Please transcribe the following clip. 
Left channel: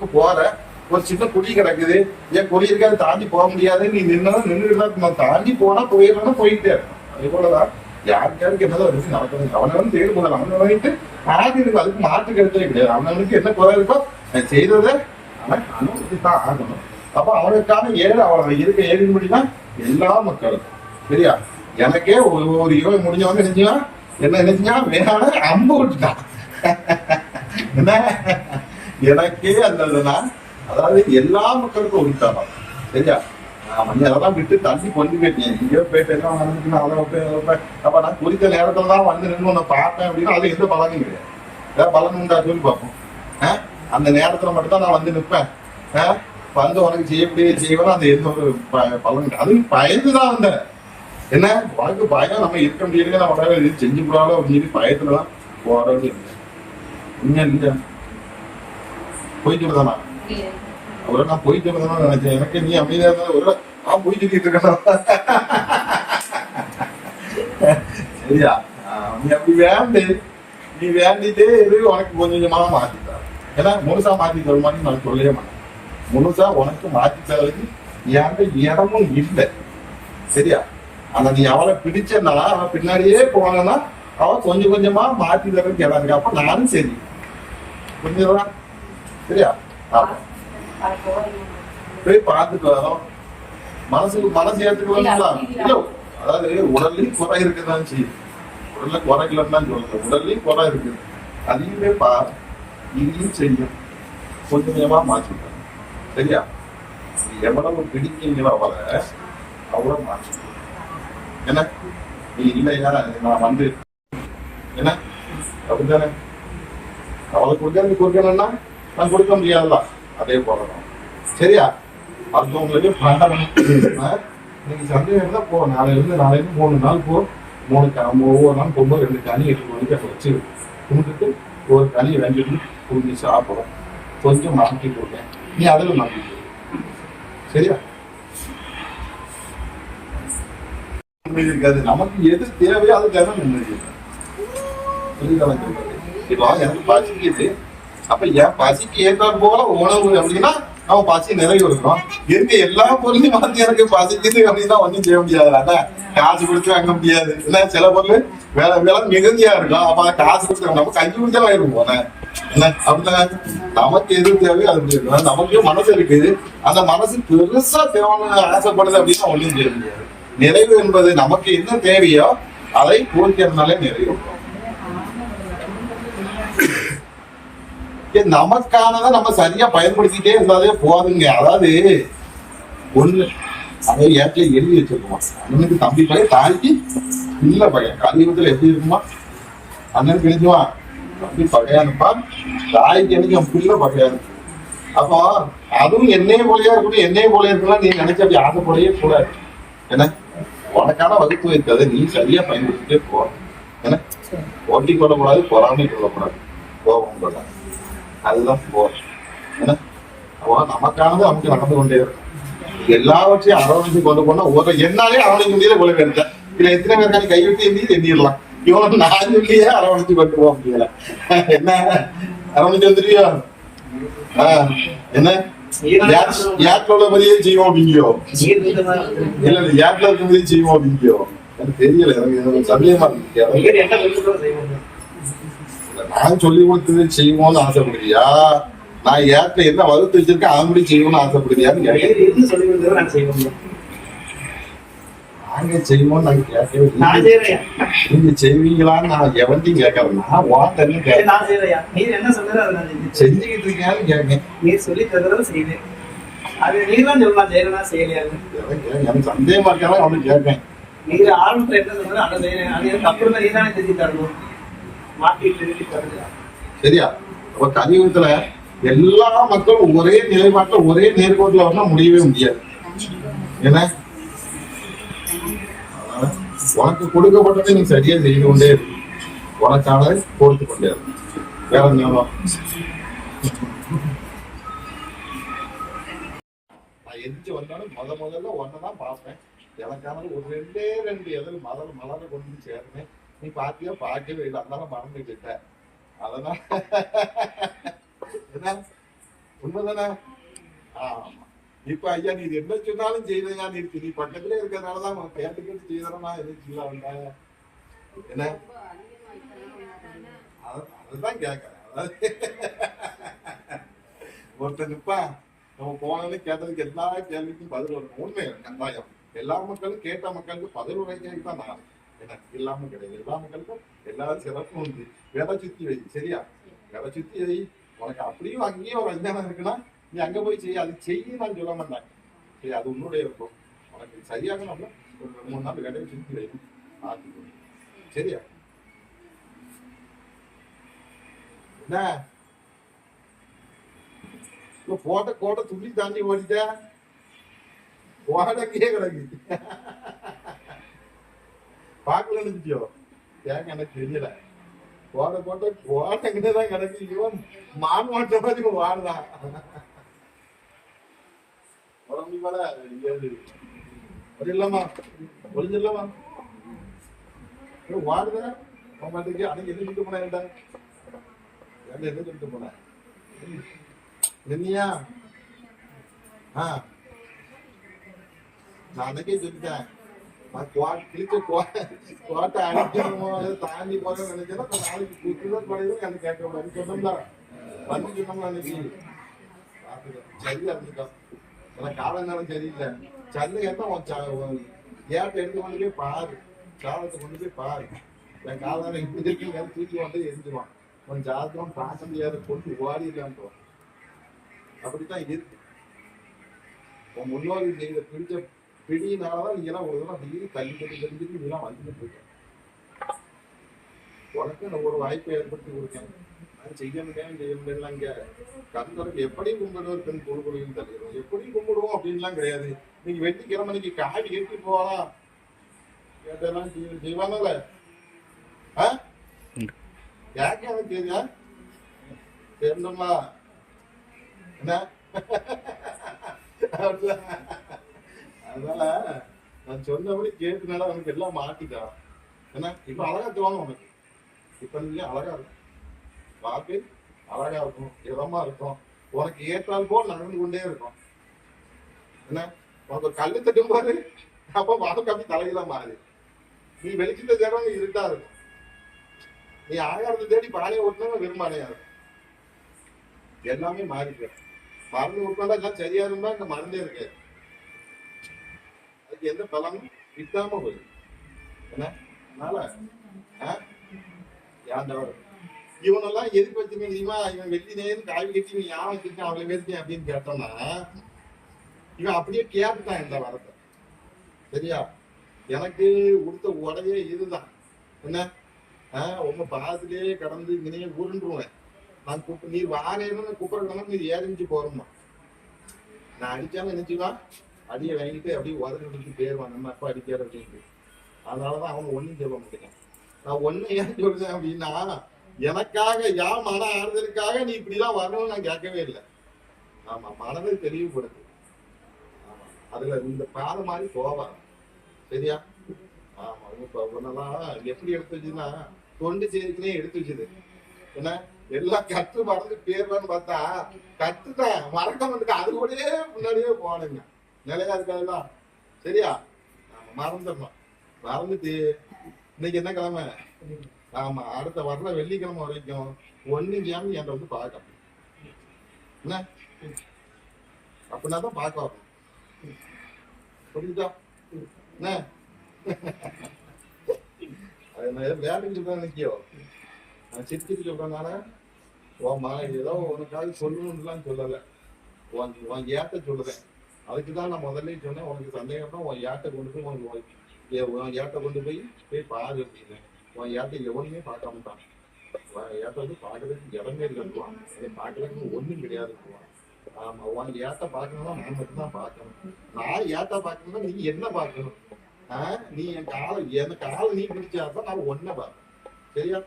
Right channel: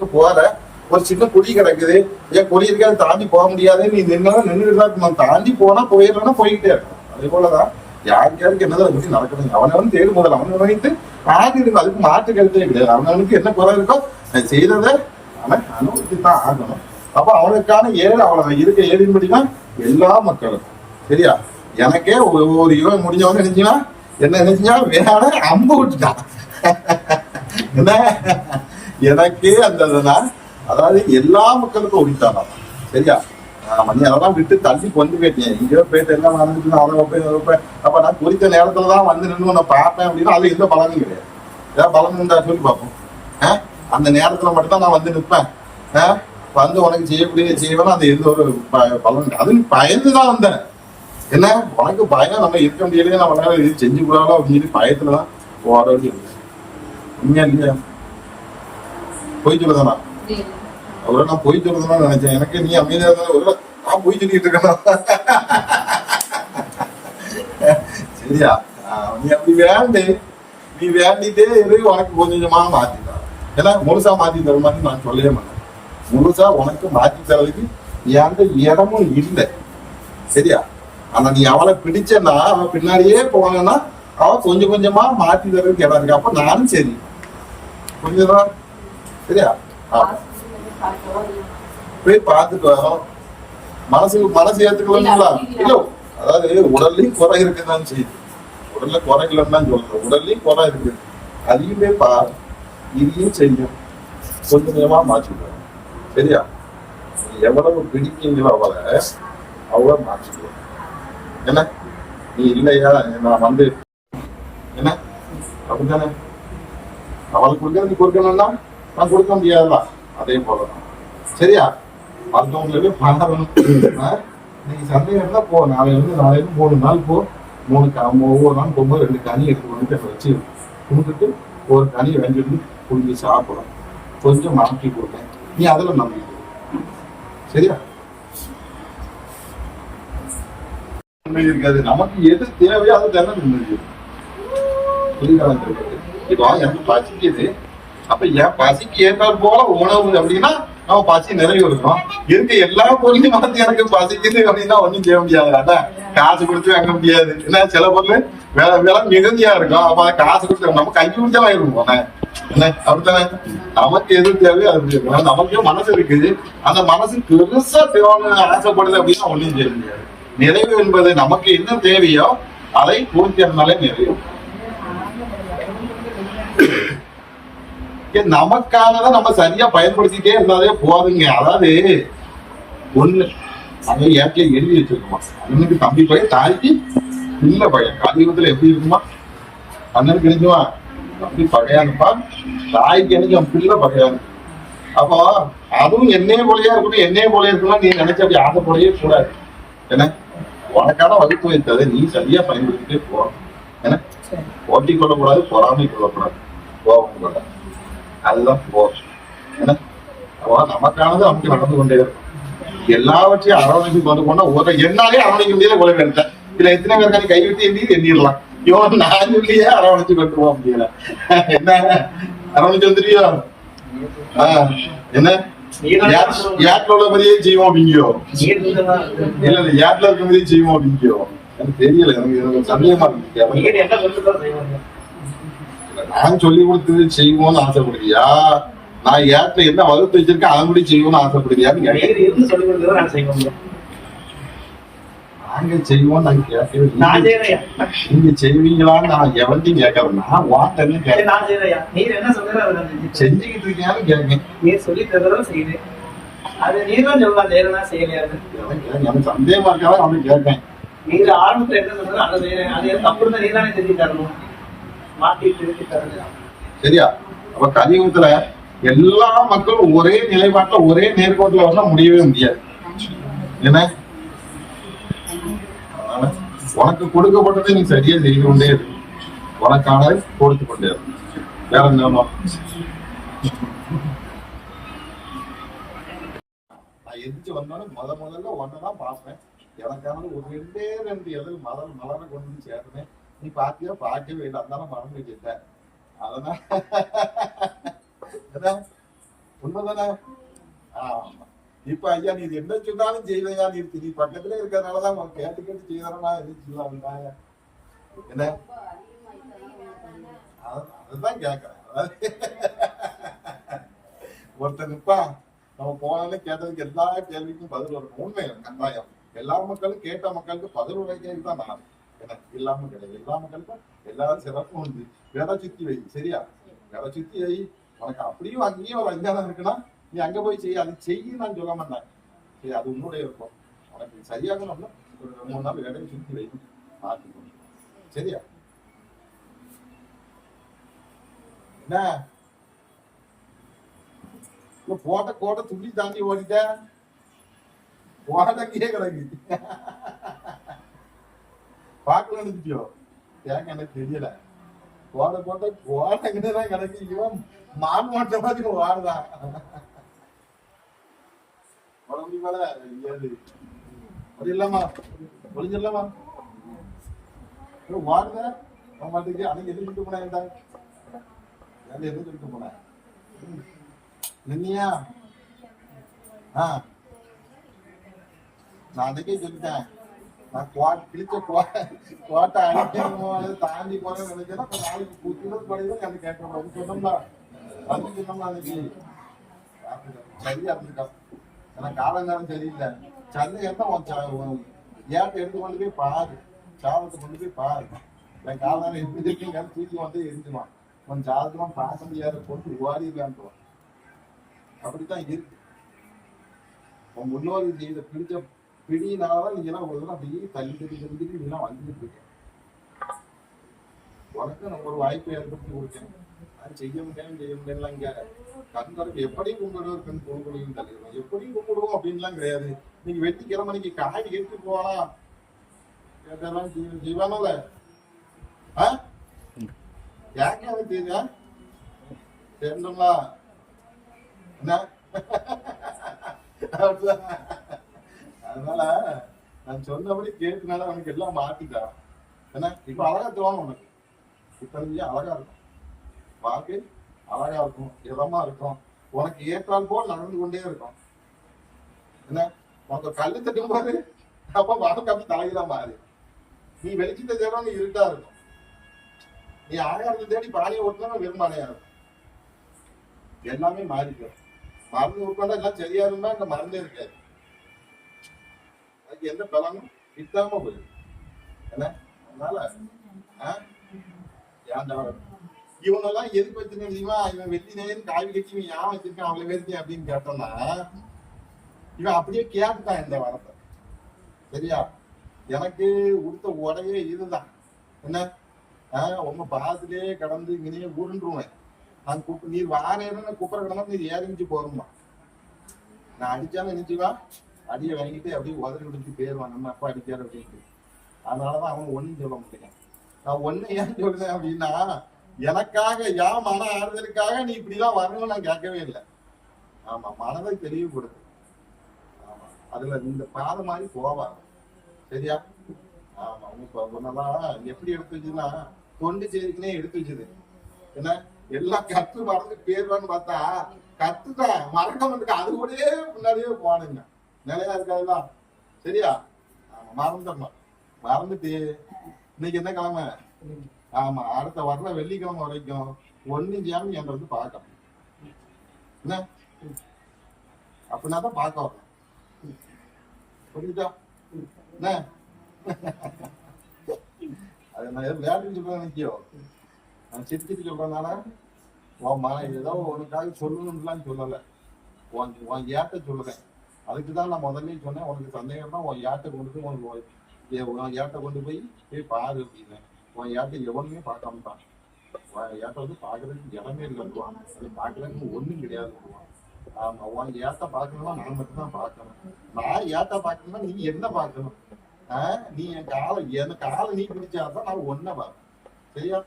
ரோட்டுக்கு போற ஒரு சின்ன குழி கிடக்குது. ஏன் குழி இருக்கு அதை தாண்டி போக முடியாது. நீ நின்னா நின்று தாண்டி போனா போயிடலாம் போயிட்டே இருக்கணும் அதே போலதான் யாருக்கு யாருக்கு என்னதை பத்தி நடக்கணும் அவனவன் தேடும் முதல்ல. அவனை வைத்து ஆடி இருக்கும் அதுக்கு மாற்று கருத்தே கிடையாது. அவனவனுக்கு என்ன குறை இருக்கோ அதை செய்ததை அவன் அனுபவித்து தான் ஆகணும். அப்ப அவனுக்கான ஏழு அவனை இருக்க ஏழின்படி தான் எல்லா மக்களும் சரியா? எனக்கே ஒரு இவன் யுகம் முடிஞ்சவங்க நினைச்சுன்னா என்ன நினைச்சா வேற அம்பு விட்டுட்டான். என்ன? எனக்கே அந்த அதாவது எல்லா மக்களுக்கும் ஒழித்தாராம் சரியா? ஆமா, நீ அதெல்லாம் விட்டு தள்ளி கொண்டு போயிட்டேன். எங்கேயோ போயிட்டு எல்லாம் வந்துட்டு அதை வைப்பேன் வைப்பேன் அப்ப. நான் குறித்த நேரத்துல தான் வந்து நின்று உன்னை பார்ப்பேன் அப்படின்னா அது எந்த பலனும் கிடையாது. ஏதாவது பலன் உண்டா சொல்லி பார்ப்போம் ஆ? அந்த நேரத்துல மட்டும் தான் நான் வந்து நிற்பேன். ஆ? வந்து உனக்கு செய்யக்கூடிய செய்வேன் அந்த எந்த ஒரு ப- பலன் அது அதுவும் பயந்து தான் வந்தேன். என்ன? உனக்கு பயம் நம்ம இருக்க முடியலையே நம்ம இது செஞ்சு கூடாதோ அப்படின்னு சொல்லி பயத்துல தான் போற வேண்டியது. உண்மையா இல்லையா? பொய் சொல்லுதானா அவரை நான் போய் சொல்லுதானா நினைச்சேன். எனக்கு நீ அமைதியா இருந்தா ஒரு நான் பொய் சொல்லிட்டு இருக்கேன்? சரியா? நீ அப்படி வேண்டு நீ வேண்டிட்டே இரு உனக்கு கொஞ்சம் கொஞ்சமா மாத்திட்டா ஏன்னா முழுசா மாத்தி தர மாதிரி நான் சொல்லவே மாட்டேன். முழுசா உனக்கு மாத்தி தரதுக்கு எந்த இடமும் இல்லை. சரியா? ஆனா நீ அவளை பிடிச்சனா அவன் பின்னாடியே போனான்னா அவன் கொஞ்சம் கொஞ்சமா மாத்தி தரதுக்கு இடம் இருக்கு. அப்ப நானும் சரி. கொஞ்சம் சரியா? போய் பார்த்துட்டு வரோம் மனசு மனசு ஏத்துக்கலாம்ல இல்ல அதாவது உடல்லையும் குறை இருக்குதான் செய்யுது. உடல்ல குறை இல்லைன்னு தான் சொல்றேன் உடல்லையும் குறை இருக்குது அதையுமே பாரு. இதையும் செய்யும். கொஞ்சம் கொஞ்சமா மாற்றிடுவோம் சரியா? எவ்வளவு பிடிக்கீங்களோ அவளை அவ்வளவு மாற்றிடுவோம் என்ன? நீ இல்லையா? நான் வந்து என்ன? அப்படித்தானே? அவளுக்கு கொடுக்க நீ கொடுக்கணும்னா? நான் கொடுக்க முடியாதுல்ல அதே போலதான். சரியா? மற்றவங்களுக்கு பாடணும் நீங்க சந்தேகம் இருந்தா போ. நாளையிலிருந்து நாளையிலிருந்து மூணு நாள் போ. மூணு ஒவ்வொரு நாள் போகும்போது ரெண்டு கனி எட்டு மணிக்கு அதை வச்சு கும்பிட்டு ஒரு கனி வாங்கிட்டு புரிஞ்சு சாப்பிடும் கொஞ்சம் மாற்றி கொடுங்க. நீ அதில் நம்பிக்கை சரியா? நிம்மதி இருக்காது. நமக்கு எது தேவையோ அது தானே நிம்மதி புரியுதா உங்களுக்கு? இப்போ எனக்கு பசிக்குது. அப்ப என் பசிக்கு ஏற்றாற் போல உணவு அப்படின்னா அவன் பசி நிறைய இருக்க எல்லா பொருளையும் வந்து எனக்கு பசிக்குது அப்படின்னா ஒண்ணும் செய்ய முடியாது. காசு கொடுத்து வாங்க முடியாது. என்ன சில பொருள் வேலை வேலை மிகுதியா இருக்கும். அப்ப காசு கொடுத்து நம்ம கை கொடுத்தா வாங்கிடும் போனேன் என்ன அப்படித்தானே? நமக்கு எது தேவையோ அது இருக்கணும் நமக்கு மனசு இருக்குது. அந்த மனசு பெருசா தேவைன்னு ஆசைப்படுது அப்படின்னா ஒண்ணும் செய்ய முடியாது. நிறைவு என்பது நமக்கு என்ன தேவையோ அதை பூர்த்தினாலே நிறைவு. நமக்கானதை நம்ம சரியா பயன்படுத்திட்டே இருந்தாலே போதுங்க. அதாவது ஒண்ணு அதை இயற்கை எழுதி வச்சிருக்குமா? அண்ணனுக்கு தம்பி பையன் தாய்க்கு இல்ல பையன். கலியுகத்துல எப்படி இருக்குமா? அண்ணனுக்கு நினைச்சுமா தம்பி பகையானுப்பா தாய்க்கு எனக்கு பிள்ளை பகையானு அப்போ அதுவும் என்னைய போலயே இருக்கணும் என்னைய போலயே இருக்கலாம் நீ நினைச்ச அப்படி ஆசை போலயே கூடாது. என்ன? உனக்கான வகுப்பு வைத்ததை நீ சரியா பயன்படுத்திட்டே போ. என்ன? போட்டி கொள்ளக்கூடாது பொறாமை கொள்ளக்கூடாது கோபம் கொள்ளக்கூடாது அதுதான் போர் என்ன நமக்கானது நமக்கு நடந்து கொண்டே இருக்கும். எல்லாவற்றையும் அரவணைச்சு கொண்டு போனா ஒரு என்னாலே அவனுக்கு முடியல கொலை எடுத்தேன் இதுல எத்தனை பேர் நீ கைவிட்டு எண்ணி எண்ணிடலாம். இவன் நான் சொல்லியே அரவணைச்சு கொண்டு போக முடியல. என்ன? அரவணைச்சு வந்துட்டியோ? ஆ, என்ன? ஏட்ல உள்ள மாதிரியே செய்வோம் அப்படிங்கோ இல்ல இல்ல ஏட்ல இருக்க மாதிரியே செய்வோம் அப்படிங்கியோ? எனக்கு தெரியல எனக்கு எனக்கு சந்தேகமா இருக்கு. நான் சொல்லி கொடுத்தது செய்வோம்னு ஆசைப்படுறியா? நான் ஏற்ற என்ன வகுத்து வச்சிருக்கேன் அதன்படி செய்வோம்னு ஆசைப்படுறியான்னு கேட்டேன். நாங்க செய்வோம். நாங்க கேட்கவே. நீங்க செய்வீங்களான்னு நான் எவன்ட்டையும் கேட்கறேன். நான் வாட்டன்னு கேட்கறேன். செஞ்சுக்கிட்டு இருக்கேன்னு கேட்கேன் எனக்கு எனக்கு சந்தேகமா இருக்காலும் அவனுக்கு கேட்கேன் நீங்க ஆரம்பத்துல என்ன சொன்னாலும் அதை செய்யறேன். அது எனக்கு தெரிஞ்சு தரணும் மாட்டிட்டு இருக்கு தரணும். சரியா? அப்ப கலியுகத்துல எல்லா மக்களும் ஒரே நிலைப்பாட்டுல ஒரே நேர்கோட்டுல வந்தா முடியவே முடியாது. என்ன? உனக்கு கொடுக்கப்பட்டதை நீ சரியா செய்து கொண்டே இருக்கும் உனக்கான கொடுத்து கொண்டே இருக்கும் வேற என்ன நான் எதிர்த்து வந்தாலும் முத முதல்ல ஒன்னதான் பார்ப்பேன். எனக்கானது ஒரு ரெண்டே ரெண்டு எதிர் மலர் மலரை கொண்டு சேர்ந்தேன் நீ பாத்தியோ பார்க்கவே இல்லை அதனால மறந்துக்கிட்ட அதனால என்ன உண்மைதானே ஆமா இப்ப ஐயா நீ என்ன சொன்னாலும் செய்வையா நீ நீ பக்கத்துல இருக்கிறதுனாலதான் உன் கேட்டு கேட்டு செய்யறனா எதுவும் செய்யலாம் என்ன அதுதான் கேட்கறேன் அதாவது ஒருத்தர் நிப்பான் நம்ம போனாலே கேட்டதுக்கு எல்லா கேள்விக்கும் பதில் வரும் உண்மை கட்டாயம் எல்லா மக்களும் கேட்ட மக்களுக்கு பதில் உரைக்கிறதுக்கு தான் நான் என்ன இல்லாம கிடையாது எல்லா மக்களுக்கும் எல்லாரும் சிறப்பும் உண்டு விதை சுத்தி வை சரியா விதை சுத்தி வை உனக்கு அப்படியும் அங்கேயும் ஒரு அஞ்ஞானம் இருக்குன்னா நீ அங்க போய் செய்ய அது செய்ய நான் சொல்ல மாட்டேன் சரி அது உன்னுடைய இருக்கும் உனக்கு சரியாகணும்னா ஒரு ரெண்டு மூணு நாள் விதையை சுத்தி வை பார்த்துக்கோ சரியா என்ன இப்ப போட்ட கோட்டை துள்ளி தாண்டி ஓடிட்ட ஓடக்கே கிடக்கு பார்க்கல நினைச்சியோ ஏங்க எனக்கு தெரியல. ஓட போட்ட ஓடங்கிட்டே தான் கிடக்கு. இவன் மான் மாட்ட மாதிரி வாடுதான் உடம்பு மேல ஏழு அது இல்லாமா ஒளிஞ்சிடலாமா வாடுத? மாட்டுக்கு அன்னைக்கு எதுவும் சொல்லிட்டு போனேன் என்கிட்ட எதுவும் சொல்லிட்டு போனேன்? நின்னியா? ஆ. நான் அன்னைக்கே சொல்லிட்டேன். நான் குவா கிழிச்ச குவா குவாட்டை அடிக்கணுமோ அல்லது தாண்டி போகணும்னு நினைச்சேன்னா நாளைக்கு புத்துதான் பழையதான் அது கேட்டோம் வந்து சொன்னோம்ல வந்து சொன்னோம்ல அன்னைக்கு. சரியா இருந்துட்டான் ஆனா கால சரியில்லை. சந்தை என்ன உன் ஏட்டை எடுத்து கொண்டு போய் பாரு. சாதத்தை கொண்டு போய் பாரு. என் கால இப்படி தூக்கி வந்து எரிஞ்சுவான் உன் ஜாதகம் பார்க்க முடியாத கொண்டு ஓடிடுவான்ட்டுவான் அப்படித்தான் இருக்கு. உன் முன்னோர்கள் செய்த பிடிச்ச பிடியினாலதான் நீங்க எல்லாம் உங்களுக்கு தடவை அப்படியே தள்ளி தள்ளி தள்ளி நீ எல்லாம் வந்துட்டு இருக்க உனக்கு நம்ம ஒரு வாய்ப்பை ஏற்படுத்தி கொடுக்கணும் அது செய்ய முடியாது செய்ய முடியலாம் இங்க கந்தருக்கு எப்படி கும்பிடுறது பெண் கொடுக்கணும் தெரியும். எப்படி கும்பிடுவோம் அப்படின்லாம் கிடையாது. நீங்க வெட்டிக்கிழமைக்கு காய் கட்டி போவானா கேட்டெல்லாம் செய்வானோல ஆ? யாருக்கு எனக்கு தெரியா தெரியுமா என்ன? அதனால நான் சொன்னபடி கேட்டுனால அவனுக்கு எல்லாம் மாட்டிட்டான் ஏன்னா இப்ப அழகா தோணும் உனக்கு. இப்ப நீங்க அழகா இருக்கும். வாக்கு அழகா இருக்கும் இதமா இருக்கும். உனக்கு ஏற்றால் போல் நடந்து கொண்டே இருக்கும். என்ன உனக்கு கல் தட்டும் போது அப்ப வாழ்க்கை அப்படி தலையில மாறி. நீ வெளிச்சத்தை நீ இருட்டா இருக்கும். நீ ஆகாரத்தை தேடி பானையை ஓட்டணும் விரும்பானையா இருக்கும். எல்லாமே மாறிக்கும் மருந்து உட்காந்தா எல்லாம் சரியா இருந்தா இந்த மருந்தே இருக்காது அதுக்கு எந்த பலனும் கிட்டாம போயிடும். என்ன? அதனால ஆ? இவனெல்லாம் எது பத்தின தெரியுமா இவன் வெட்டி நேரம் காய் கட்டி இவன் யான் வச்சிருக்கான் அவளை வெட்டி அப்படின்னு கேட்டோம்னா இவன் அப்படியே கேட்டுட்டான் இந்த வரத்தை சரியா? எனக்கு உடுத்த உடையே இதுதான். என்ன? ஆஹ் உங்க பாசத்திலேயே கடந்து இங்கனே உருண்டுருவேன். நான் குப்பை நீர் வாரேன்னு கூப்பிட கிடந்தா நீர் ஏறிஞ்சு போறோம்மா. நான் அடிச்சாலும் நினைச்சுவா அடியை வாங்கிட்டு அப்படியே உதறி விட்டு போயிருவான் நம்ம அப்பா அடிக்கார் அப்படின்ட்டு. அதனாலதான் அவன் ஒன்றும் சொல்ல முடியல நான் ஒன்னு ஏன் சொல்றேன் அப்படின்னா எனக்காக யா மன ஆறுதலுக்காக நீ இப்படிலாம் வரணும்னு நான் கேட்கவே இல்லை. ஆமா மனதை தெளிவுபடுத்து. ஆமா அதுல இந்த பாதை மாதிரி போவான் சரியா? ஆமா இப்ப ஒன்னெல்லாம் எப்படி எடுத்து வச்சுன்னா தொண்டு செய்திக்குனே எடுத்து வச்சுது. என்ன? எல்லாம் கற்று மறந்து பேர்வான்னு பார்த்தா கத்துட்டேன். மறக்க வந்துட்டு அது கூடயே முன்னாடியே போனேங்க. நிலையா இருக்காதுதான் சரியா? மறந்துடணும். மறந்துட்டு இன்னைக்கு என்ன கிழமை? ஆமா அடுத்த வர்ற வெள்ளிக்கிழமை வரைக்கும் ஒண்ணு சேமி என்கிட்ட வந்து பார்க்கணும். என்ன? அப்படின்னா தான் பார்க்க வரணும். புரிஞ்சுதா? என்ன? அது நான் வேலைக்கு சொல்றேன் நினைக்கியோ? நான் சிரிச்சிட்டு சொல்றேனால உன் மன ஏதோ உனக்காக சொல்லணும்லாம் சொல்லலை. உன் உன் ஏத்த சொல்லுவேன். அதுக்கு தான் நான் முதல்ல சொன்னேன் உனக்கு சந்தேகம் தான் உன் ஏட்டை கொண்டு போய் உனக்கு உன் ஏட்டை கொண்டு போய் போய் பாரு அப்படின்னு. உன் ஏட்டை எவனுமே பார்க்காம தான் உன் ஏட்டை வந்து பார்க்கறதுக்கு இடமே இல்லைன்னுவான் பார்க்கறதுக்கு ஒன்றும் கிடையாதுன்னுவான் ஆமா உன் ஏட்ட பார்க்கணும்னா நான் மட்டும்தான் பார்க்கணும். நான் ஏட்ட பார்க்கணும்னா நீ என்ன பார்க்கணும்? நீ என் காலை என் காலை நீ பிடிச்சாதான் நான் ஒன்ன பார்க்கணும். சரியா?